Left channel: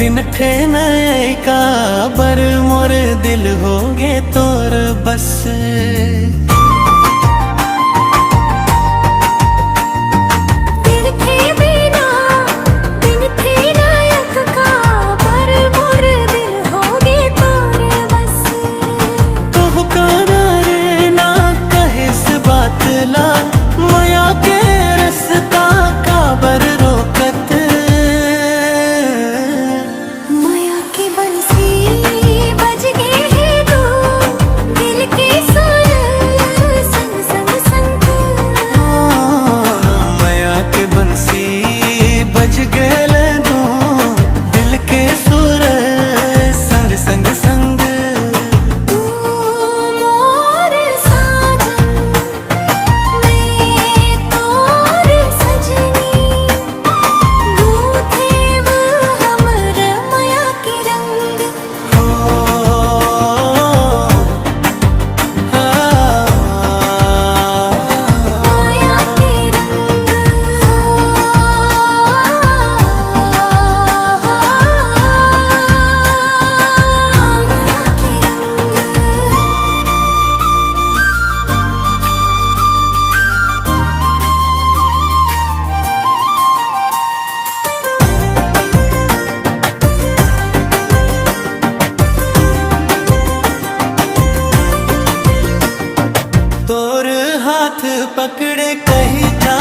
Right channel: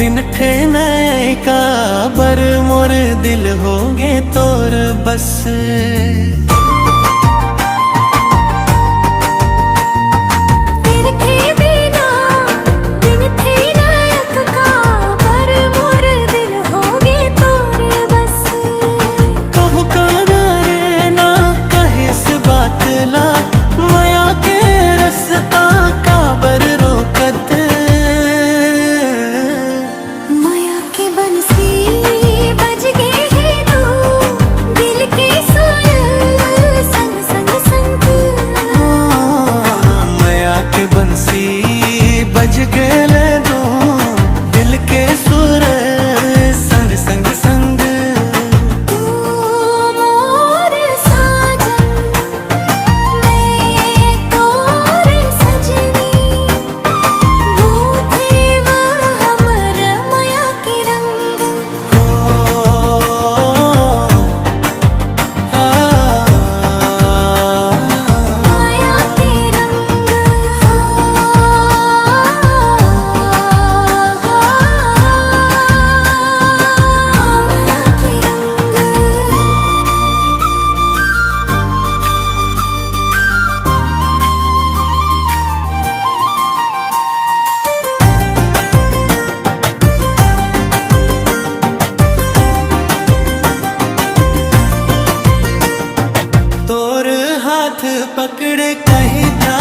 दिन थे नए का बर मोर दिल होगे तोर बस। माया के रस्ता काबर रोकत, माया के बंसी बज गए हैं तू दिल के सुर संग संग संग। माया के बंसी बज गए दो दिल के सुर संग संग संग। तोर हाथ पकड़े कहीं था